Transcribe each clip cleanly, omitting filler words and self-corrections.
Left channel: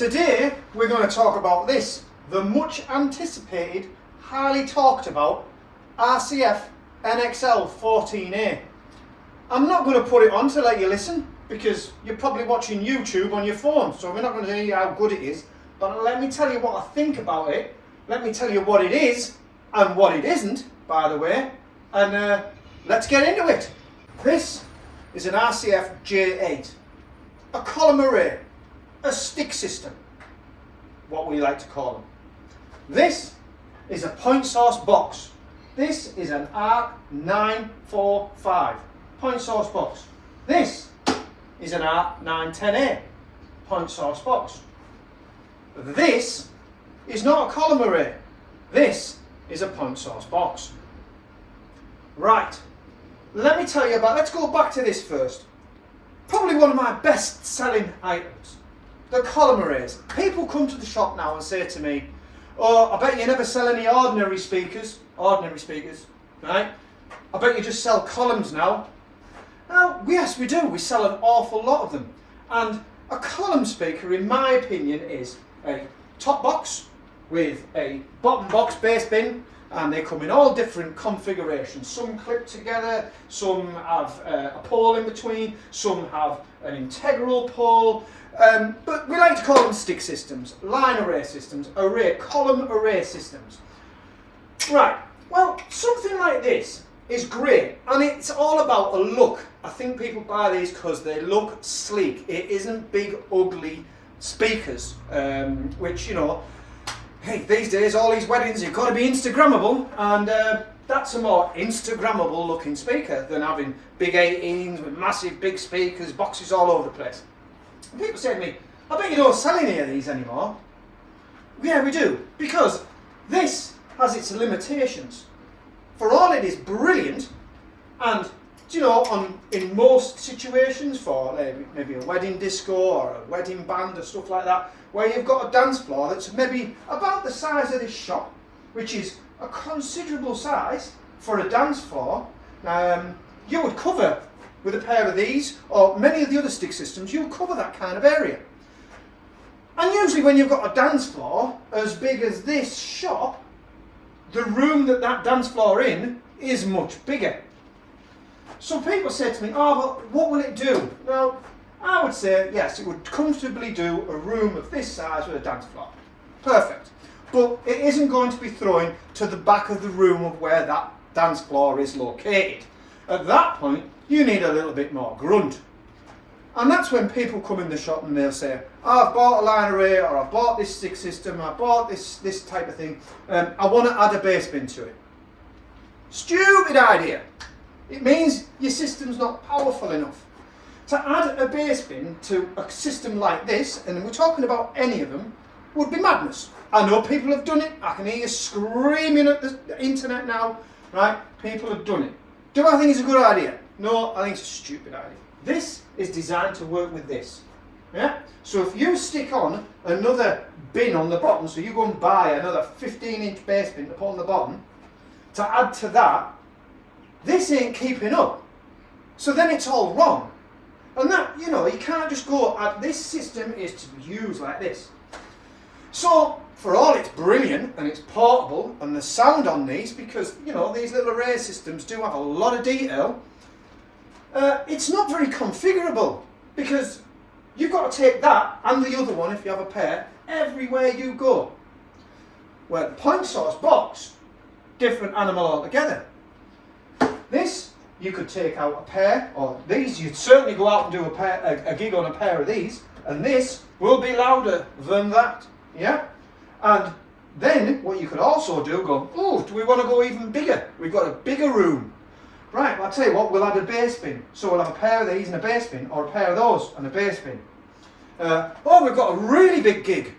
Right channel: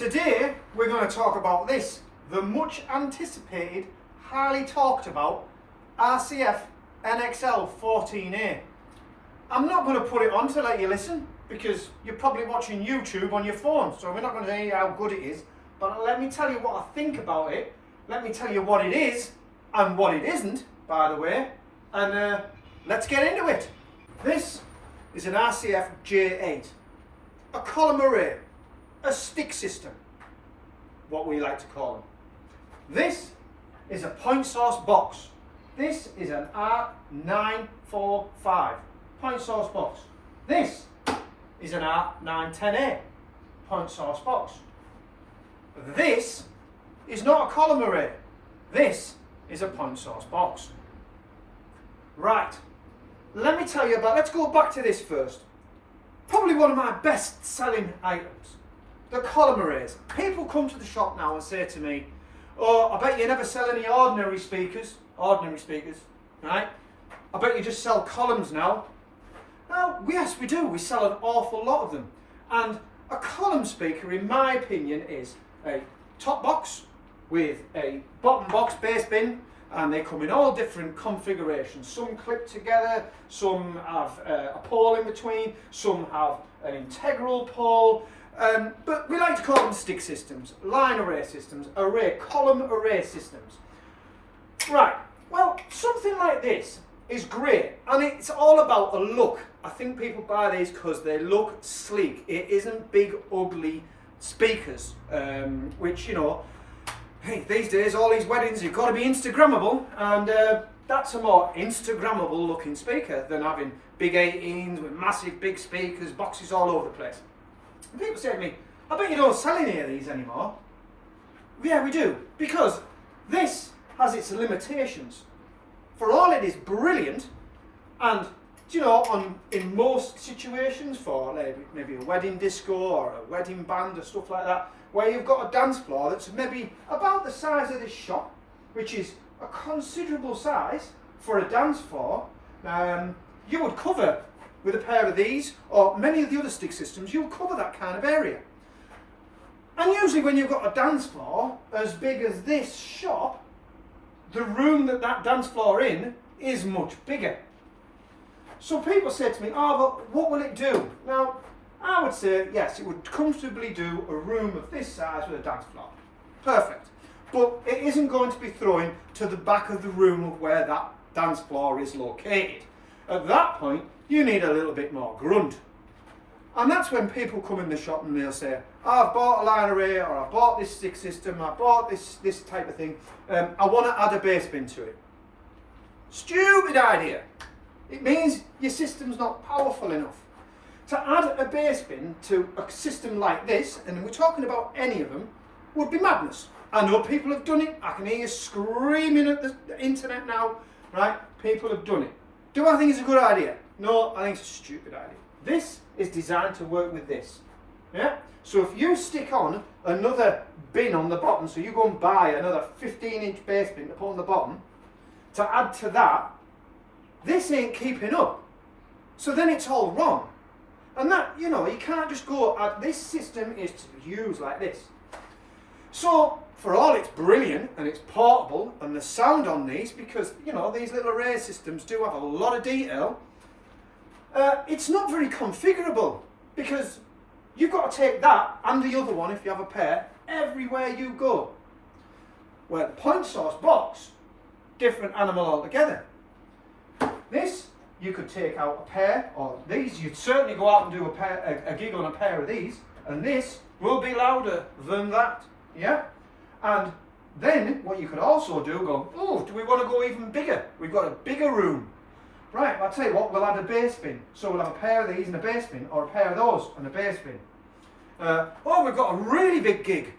Today we're going to talk about this, the much anticipated, highly talked about RCF NXL 14A. I'm not going to put it on to let you listen because you're probably watching YouTube on your phone, so we're not going to tell you how good it is, but let me tell you what I think about it, let me tell you what it is and what it isn't, by the way, and let's get into it. This is an RCF J8, a column array, a stick system, what we like to call them. This is a point source box. This is an ARC 945 point source box. This is an ARC 910A point source box. This is not a column array. This is a point source box. Right, let me tell you about, let's go back to this first. Probably one of my best selling items, the column arrays. People come to the shop now and say to me, oh, I bet you never sell any ordinary speakers, right? I bet you just sell columns now. Well, yes we do, we sell an awful lot of them. And a column speaker, in my opinion, is a top box with a bottom box bass bin, and they come in all different configurations. Some clip together, some have a pole in between, some have an integral pole, but we like to call them stick systems, line array systems, column array systems. Right, well, something like this is great, and it's all about a look. I think people buy these because they look sleek. It isn't big, ugly speakers, which, you know, hey, these days all these weddings you've got to be Instagrammable, and that's a more Instagrammable looking speaker than having big 18s with massive big speakers, boxes all over the place. And people say to me, I bet you don't sell any of these anymore. Yeah, we do, because this has its limitations. For all it is brilliant, and you know, in most situations for maybe a wedding disco or a wedding band or stuff like that, where you've got a dance floor that's maybe about the size of this shop, which is a considerable size for a dance floor, you would cover with a pair of these, or many of the other stick systems, you'll cover that kind of area. And usually when you've got a dance floor as big as this shop, the room that dance floor in is much bigger. So people say to me, oh, but what will it do? Well, I would say, yes, it would comfortably do a room of this size with a dance floor. Perfect. But it isn't going to be thrown to the back of the room of where that dance floor is located. At that point, you need a little bit more grunt. And that's when people come in the shop and they'll say, oh, I've bought a line array, or I've bought this stick system, I bought this type of thing, I want to add a bass bin to it. Stupid idea. It means your system's not powerful enough. To add a bass bin to a system like this, and we're talking about any of them, would be madness. I know people have done it. I can hear you screaming at the internet now, right? People have done it. Do I think it's a good idea? No, I think it's a stupid idea. This is designed to work with this. Yeah? So if you stick on another bin on the bottom, so you go and buy another 15-inch bass bin to put on the bottom, to add to that, this ain't keeping up. So then it's all wrong. And that, you know, you can't just go, this system is to be used like this. So, for all it's brilliant and it's portable, and the sound on these, because, you know, these little array systems do have a lot of detail, it's not very configurable, because you've got to take that and the other one, if you have a pair, everywhere you go. Where the point source box, different animal altogether. This, you could take out a pair, or these, you'd certainly go out and do a gig on a pair of these, and this will be louder than that, yeah? And then, what you could also do, oh, do we want to go even bigger? We've got a bigger room. Right, well, I'll tell you what, we'll add a bass bin. So we'll have a pair of these and a bass bin, or a pair of those and a bass bin. Oh, we've got a really big gig.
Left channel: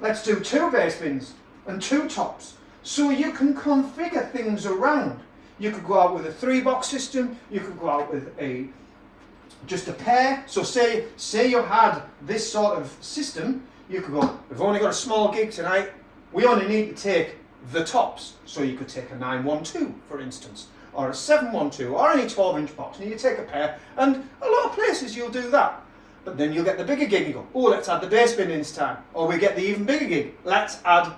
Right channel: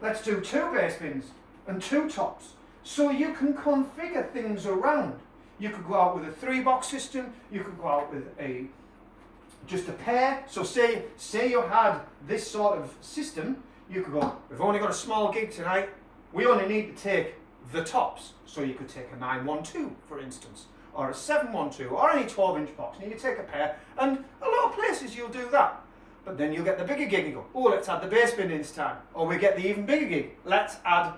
Let's do 2 bass bins and 2 tops. So you can configure things around. You could go out with a 3-box system, you could go out with just a pair. So say you had this sort of system, you could go, we've only got a small gig tonight, we only need to take the tops. So you could take a 912, for instance, or a 712, or any 12-inch box, and you take a pair, and a lot of places you'll do that. But then you'll get the bigger gig, you go, oh, let's add the bass bin in this time. Or we get the even bigger gig, let's add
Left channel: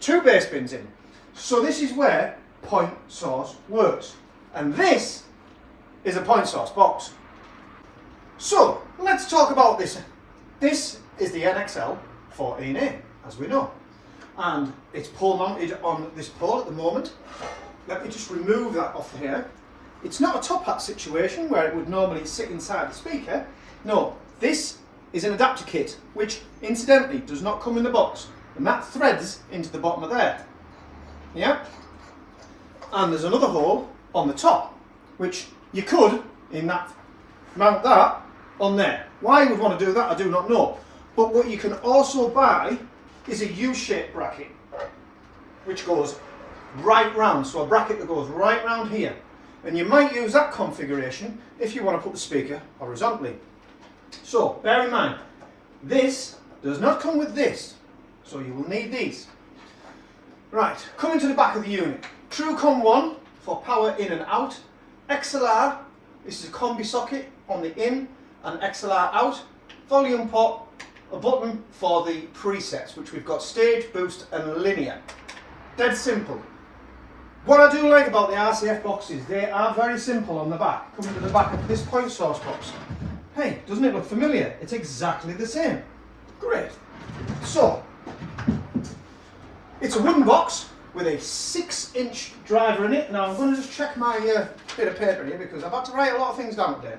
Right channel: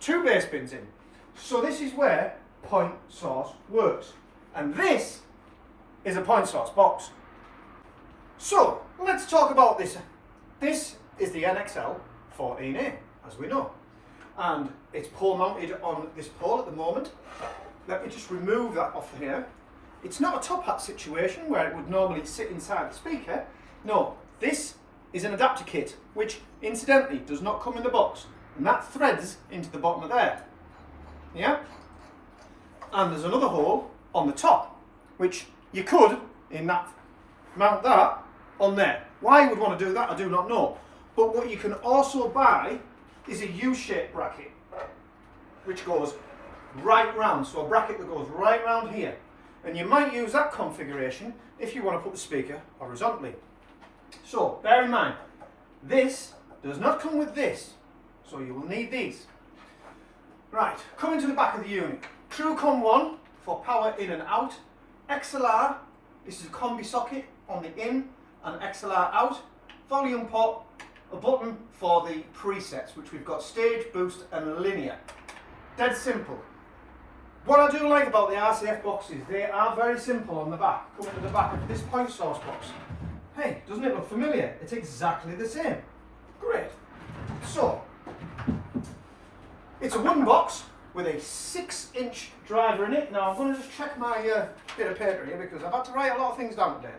2 bass bins in. So this is where point source works. And this is a point source box. So let's talk about this. This is the NXL 14A, as we know. And it's pole mounted on this pole at the moment. Let me just remove that off here. It's not a top hat situation where it would normally sit inside the speaker. No, this is an adapter kit, which incidentally does not come in the box. And that threads into the bottom of there. Yeah? And there's another hole on the top, which you could, in that, mount that on there. Why you would want to do that, I do not know. But what you can also buy is a U-shaped bracket, which goes right round. So a bracket that goes right round here. And you might use that configuration if you want to put the speaker horizontally. So bear in mind, this does not come with this. So you will need these. Right, coming to the back of the unit. TrueCom 1 for power in and out. XLR, this is a combi socket on the in and XLR out. Volume pot, a button for the presets, which we've got stage, boost and linear. Dead simple. What I do like about the RCF boxes, they are very simple on the back. Coming to the back of this point source box. Hey, doesn't it look familiar? It's exactly the same. Great. So, it's a wooden box with a 6-inch driver in it. Now I'm going to just check my bit of paper here because I've had to write a lot of things down today.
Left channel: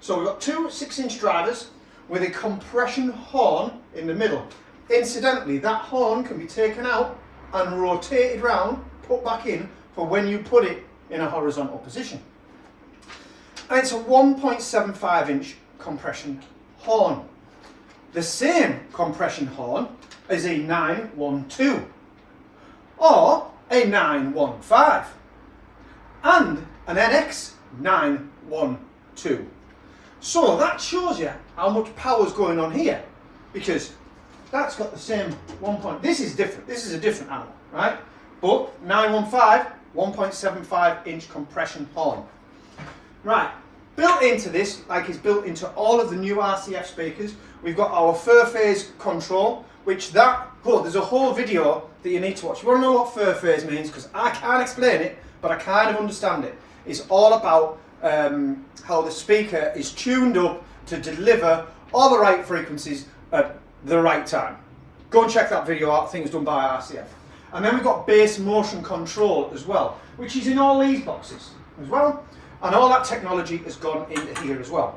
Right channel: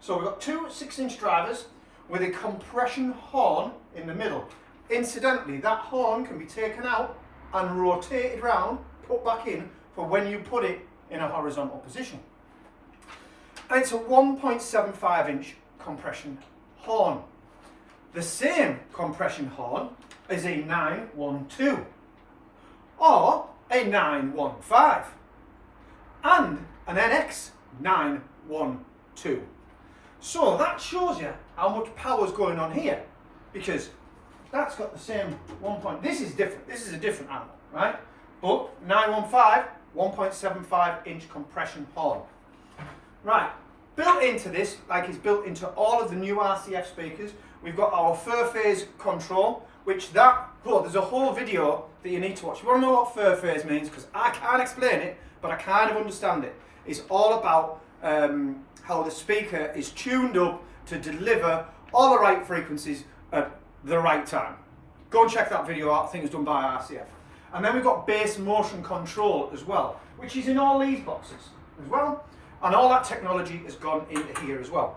So we've got 2 6-inch drivers with a compression horn in the middle. Incidentally, that horn can be taken out and rotated round, put back in for when you put it in a horizontal position. And it's a 1.75-inch compression horn. The same compression horn as a 912 or a 915 and an NX 912. So that shows you how much power is going on here, because that's got the same 1 point. This is different. This is a different animal, right? But 915, 1.75-inch compression horn. Right, built into this, like it's built into all of the new RCF speakers, we've got our 4-phase control, which there's a whole video that you need to watch. You want to know what 4-phase means? Because I can't explain it, but I kind of understand it. It's all about how the speaker is tuned up to deliver all the right frequencies at the right time. Go and check that video out. I think it's done by RCF. And then we've got bass motion control as well, which is in all these boxes as well. And all that technology has gone into here as well.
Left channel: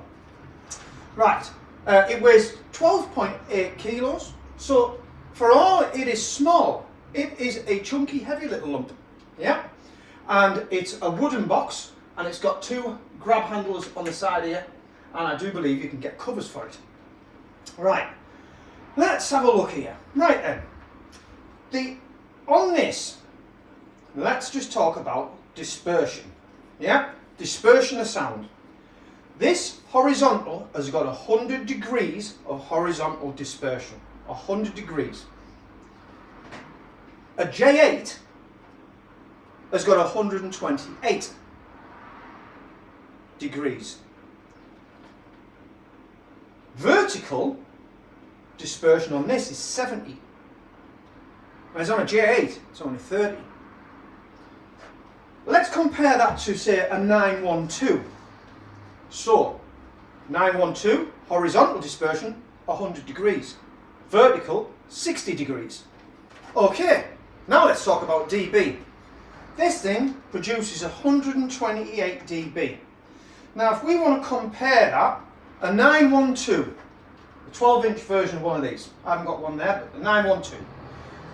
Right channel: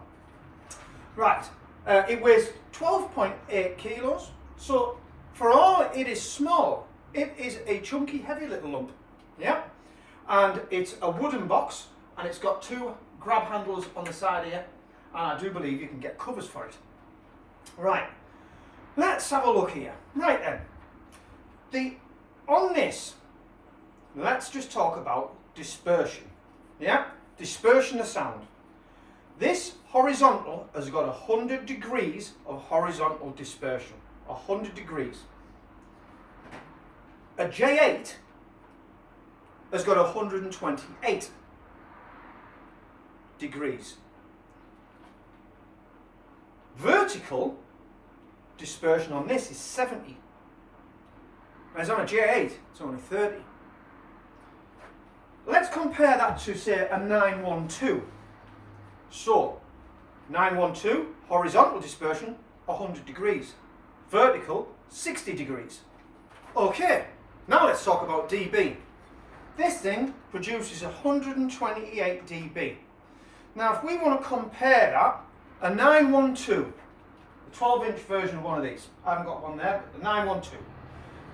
Right, it weighs 12.8 kilos. So for all it is small, it is a chunky, heavy little lump. Yeah, and it's a wooden box, and it's got 2 grab handles on the side here, and I do believe you can get covers for it. Right, let's have a look here. Right then, on this, let's just talk about dispersion. Yeah, dispersion of sound. This horizontal has got 100 degrees of horizontal dispersion. 100 degrees. A J8 has got 128 degrees. Vertical dispersion on this is 70. Whereas on a J8, it's only 30. Let's compare that to, say, a 912. So, 912, horizontal dispersion, 100 degrees. Vertical, 60 degrees. Okay, now let's talk about dB. This thing produces 128 dB. Now, if we want to compare that, a 912, the 12-inch version of one of these, I haven't got one there, but the 912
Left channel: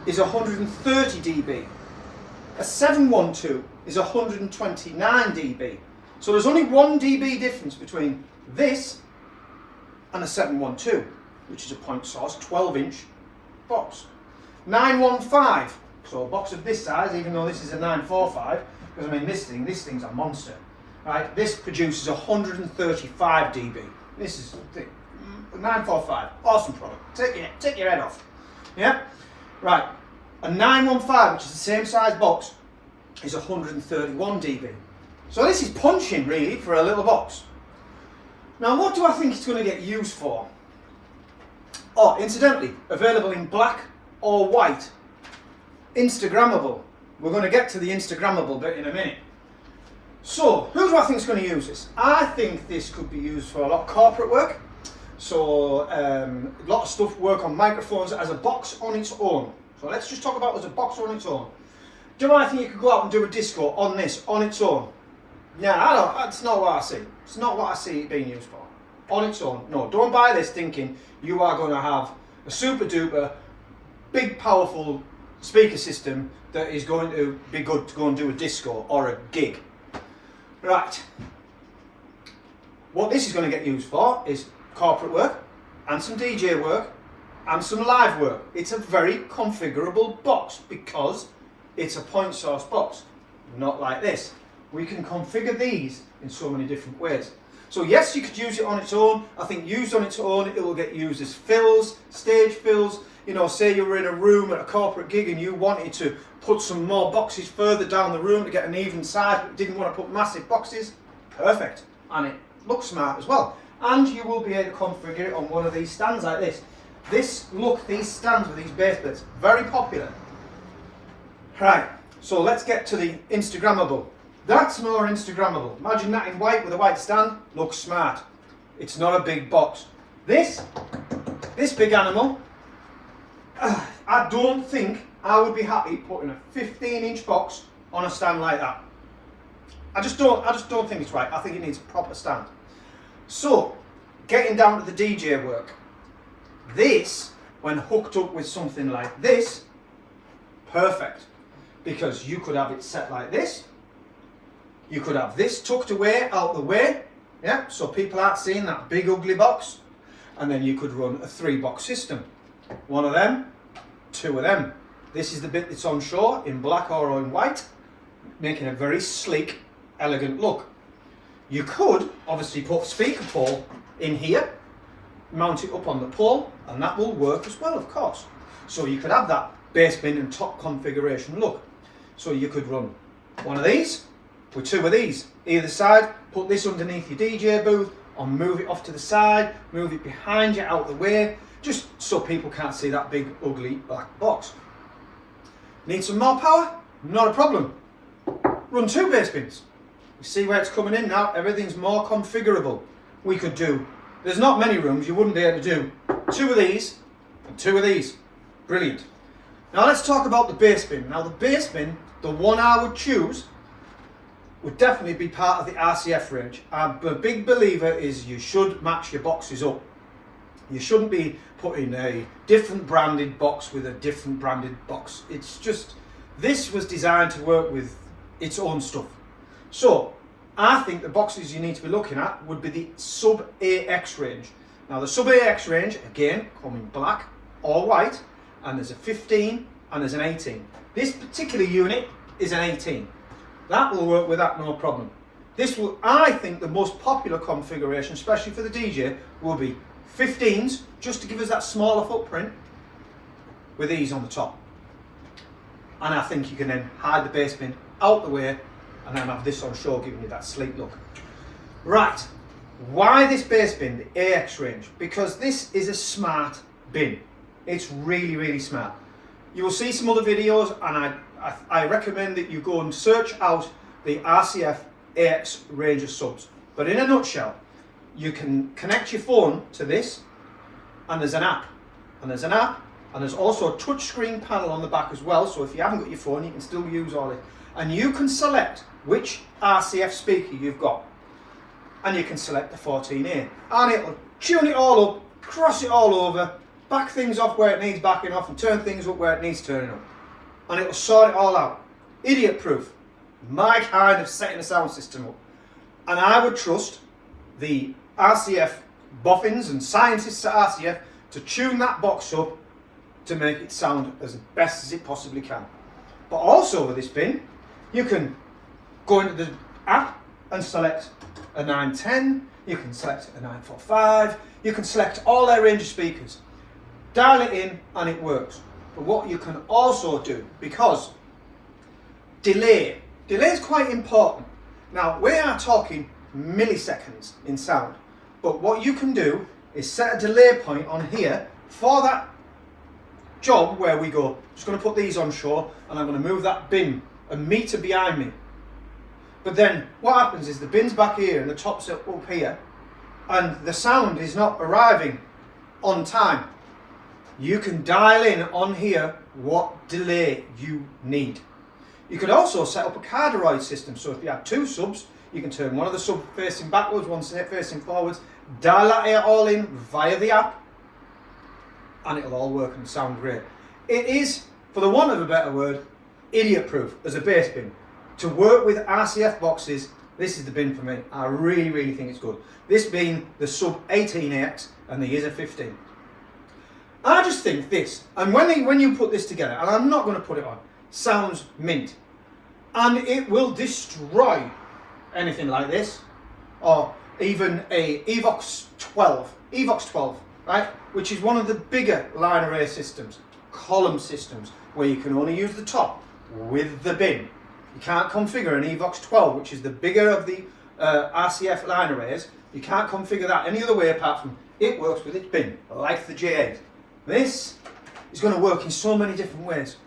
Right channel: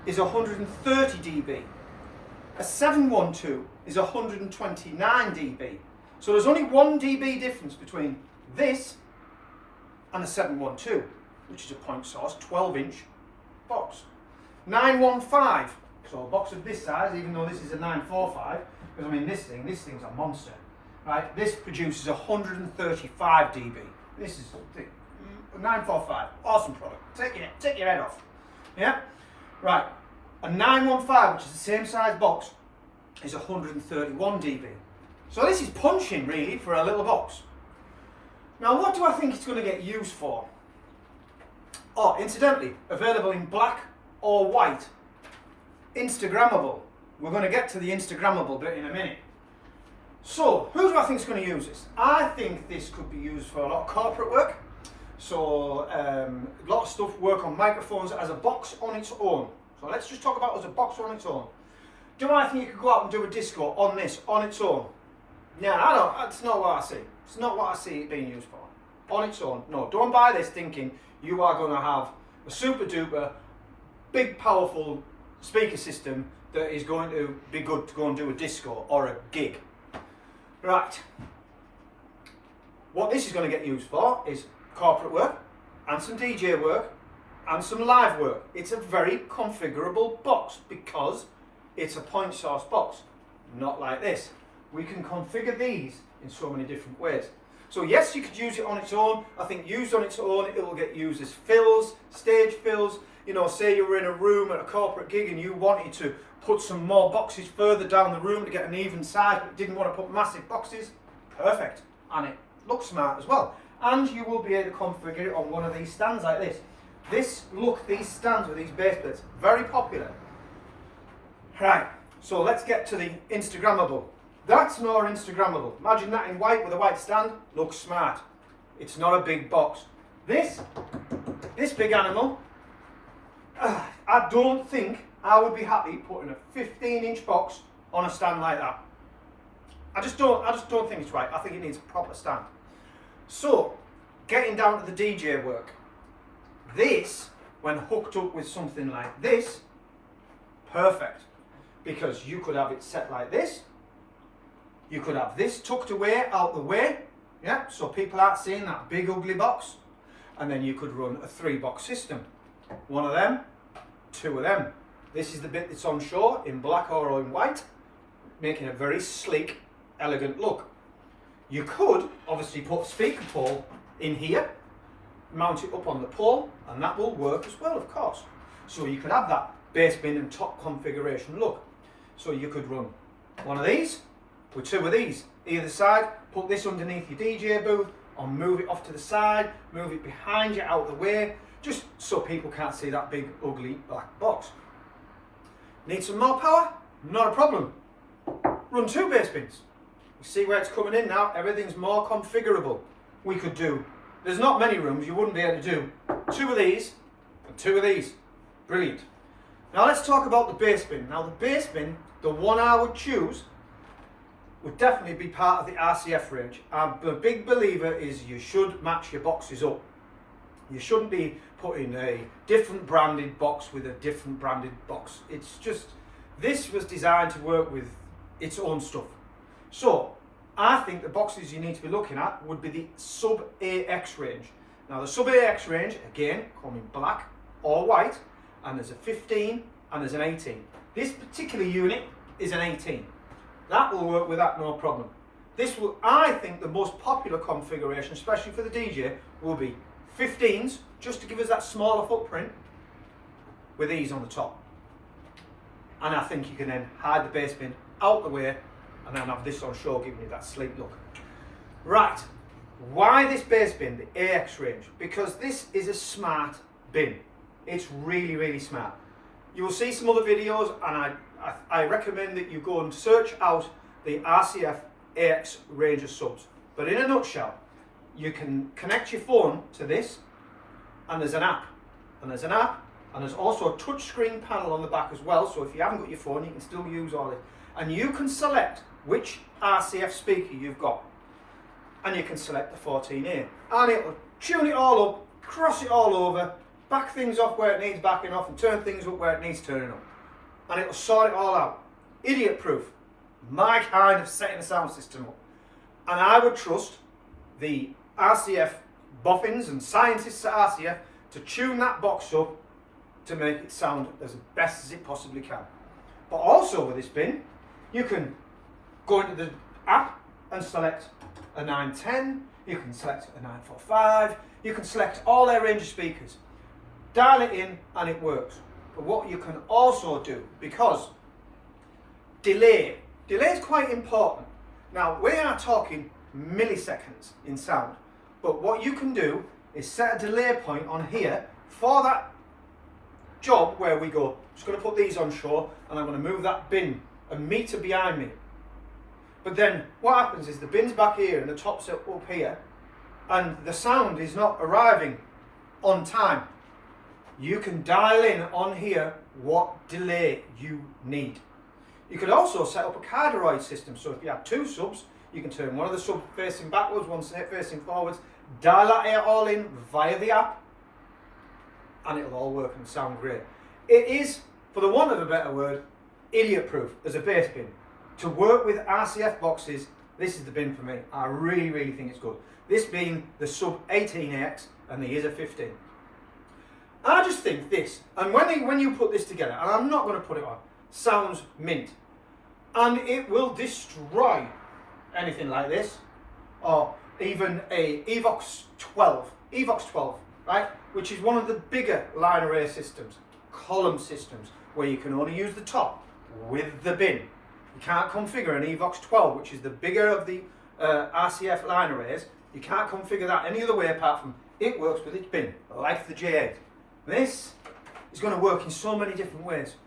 is 130 dB. A 712 is 129 dB. So there's only 1 dB difference between this and a 712, which is a point source, 12-inch box. 915, so a box of this size, even though this is a 945, because I mean this thing's a monster, right? This produces 135 dB. This is 945, awesome product. Take your head off, yeah? Right, a 915, which is the same size box, is 131 dB. So this is punching really for a little box. Now what do I think it's going to get used for? Oh, incidentally, available in black or white. Instagrammable. We're going to get to the Instagrammable bit in a minute. So, who do I think is going to use this? I think this could be used for a lot of corporate work. So, a lot of stuff, work on microphones as a box on its own. So let's just talk about it as a box on its own. Do I think you could go out and do a disco on this, on its own? Yeah, I don't, that's not what I see. It's not what I see it being used for. On its own. No, don't buy this thinking you are going to have a super duper, big powerful speaker system that is going to be good to go and do a disco or a gig. Right. What this is going to get used for is corporate work and some DJ work and some live work. It's a very configurable box because it's a point source box, not like this. We can configure these in so many different ways. So yes, you could use it on its own. I think used on its own, it will get used as fills, stage fills. You know, say you were in a room at a corporate gig and you wanted to put some more boxes further down the room to get an even size, but didn't want to put massive boxes. Perfect. And it looks smart as well. And you will be able to configure it on one of these stands like this. These stands with these base plates, very popular. Right, so let's get to the Instagrammable. That's more Instagrammable. Imagine that in white with a white stand, looks smart. It's not a big box. This big animal, I don't think I would be happy putting a 15-inch box on a stand like that. I just don't think it's right. I think it needs a proper stand. So, getting down to the DJ work. This, when hooked up with something like this, perfect. Because you could have it set like this. You could have this tucked away, out the way. Yeah, so people aren't seeing that big ugly box. And then you could run a 3-box system. One of them, 2 of them. This is the bit that's on show in black or in white, making a very sleek, elegant look. You could obviously put a speaker pole in here, mount it up on the pole, and that will work as well, of course. So you could have that bass bin and top configuration look. So you could run one of these with 2 of these either side, put this underneath your DJ booth, or move it off to the side, move it behind you out the way, just so people can't see that big ugly black box. Need some more power? Not a problem. Run 2 bass bins. You see where it's coming in now? Everything's more configurable. We could do, there's not many rooms you wouldn't be able to do 2 of these and 2 of these. Brilliant. Now let's talk about the bass bin. Now the bass bin, the one I would choose, would definitely be part of the RCF range. I'm a big believer is you should match your boxes up. You shouldn't be putting a different branded box with a different branded box. It's just, this was designed to work with its own stuff. So, I think the boxes you need to be looking at would be the Sub AX range. Now the Sub AX range, again, come in black or white, and there's a 15 and there's an 18. This particular unit is an 18. That will work with that, no problem. This will, I think the most popular configuration, especially for the DJ, will be 15s, just to give us that smaller footprint, with these on the top. And I think you can then hide the bass bin out the way, and then have this on show giving you that sleek look. Right, why this bass bin, the AX range? Because this is a smart bin. It's really, really smart. You will see some other videos, and I recommend that you go and search out the RCF AX range of subs. But in a nutshell, you can connect your phone to this, and there's an app. And there's also a touchscreen panel on the back as well, so if you haven't got your phone, you can still use all it. And you can select which RCF speaker you've got. And you can select the 14A. And it'll tune it all up, cross it all over, back things off where it needs backing off, and turn things up where it needs turning up. And it'll sort it all out. Idiot proof. My kind of setting a sound system up. And I would trust the RCF boffins and scientists at RCF to tune that box up to make it sound as best as it possibly can. But also with this bin, you can go into the app and select a 910, you can select a 945, you can select all their range of speakers. Dial it in and it works. But what you can also do, because delay is quite important. Now we are talking milliseconds in sound, but what you can do is set a delay point on here for that job where we go, just going to put these on shore and I'm going to move that bin a metre behind me. But then what happens is the bin's back here and the top's up here and the sound is not arriving on time. You can dial in on here what delay you need. You could also set up a cardioid system. So if you have two subs, you can turn one of the subs facing backwards, one facing forwards, dial that all in via the app, and it'll all work and sound great. It is, for the want of a better word, idiot proof as a bass bin. To work with RCF boxes, this is the bin for me. I really, really think it's good. This being the Sub 18AX and the Yizza 15. I just think this, and when you put this together, and I'm not going to put it on, sounds mint. And it will destroy anything like this, or even a Evox 12, right? Which is one of the bigger line array systems, column systems, where you can only use the top with the bin. You can't configure an Evox 12, which is the bigger of the RCF line arrays. You can't configure that any other way apart from it works with its bin, like the J8. This is going to work in so many different ways,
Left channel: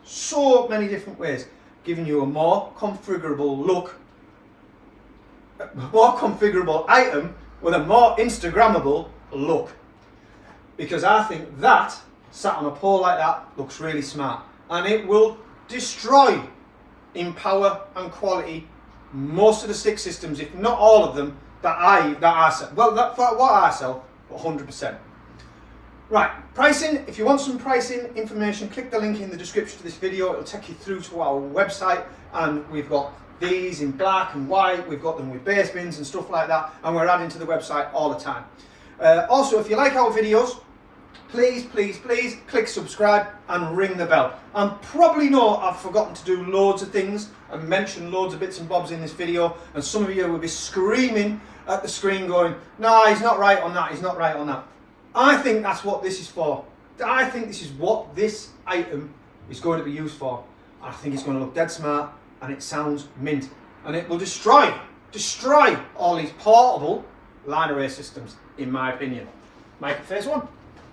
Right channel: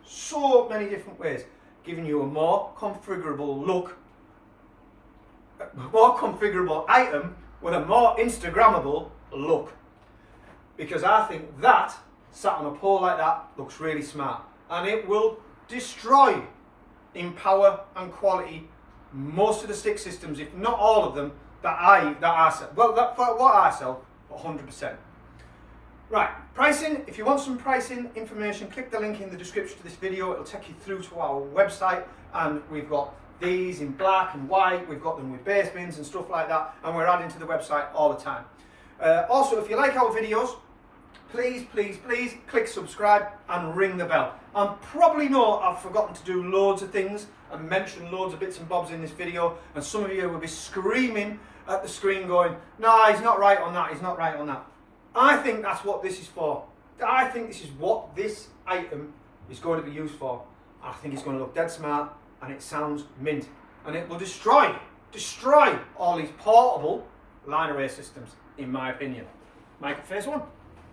giving you a more configurable look, a more configurable item with a more Instagrammable look. Because I think that, sat on a pole like that, looks really smart. And it will destroy in power and quality most of the stick systems, if not all of them, that I sell. Well, for what I sell, 100%. Right, pricing. If you want some pricing information, click the link in the description to this video. It'll take you through to our website, and we've got these in black and white. We've got them with bass bins and stuff like that, and we're adding to the website all the time. Also, if you like our videos, please click subscribe and ring the bell. And probably know I've forgotten to do loads of things and mention loads of bits and bobs in this video, and some of you will be screaming at the screen going, no, he's not right on that, he's not right on that. I think that's what this is for. I think this is what this item is going to be used for. I think it's going to look dead smart and it sounds mint. And it will destroy all these portable line array systems, in my opinion. Make it phase one.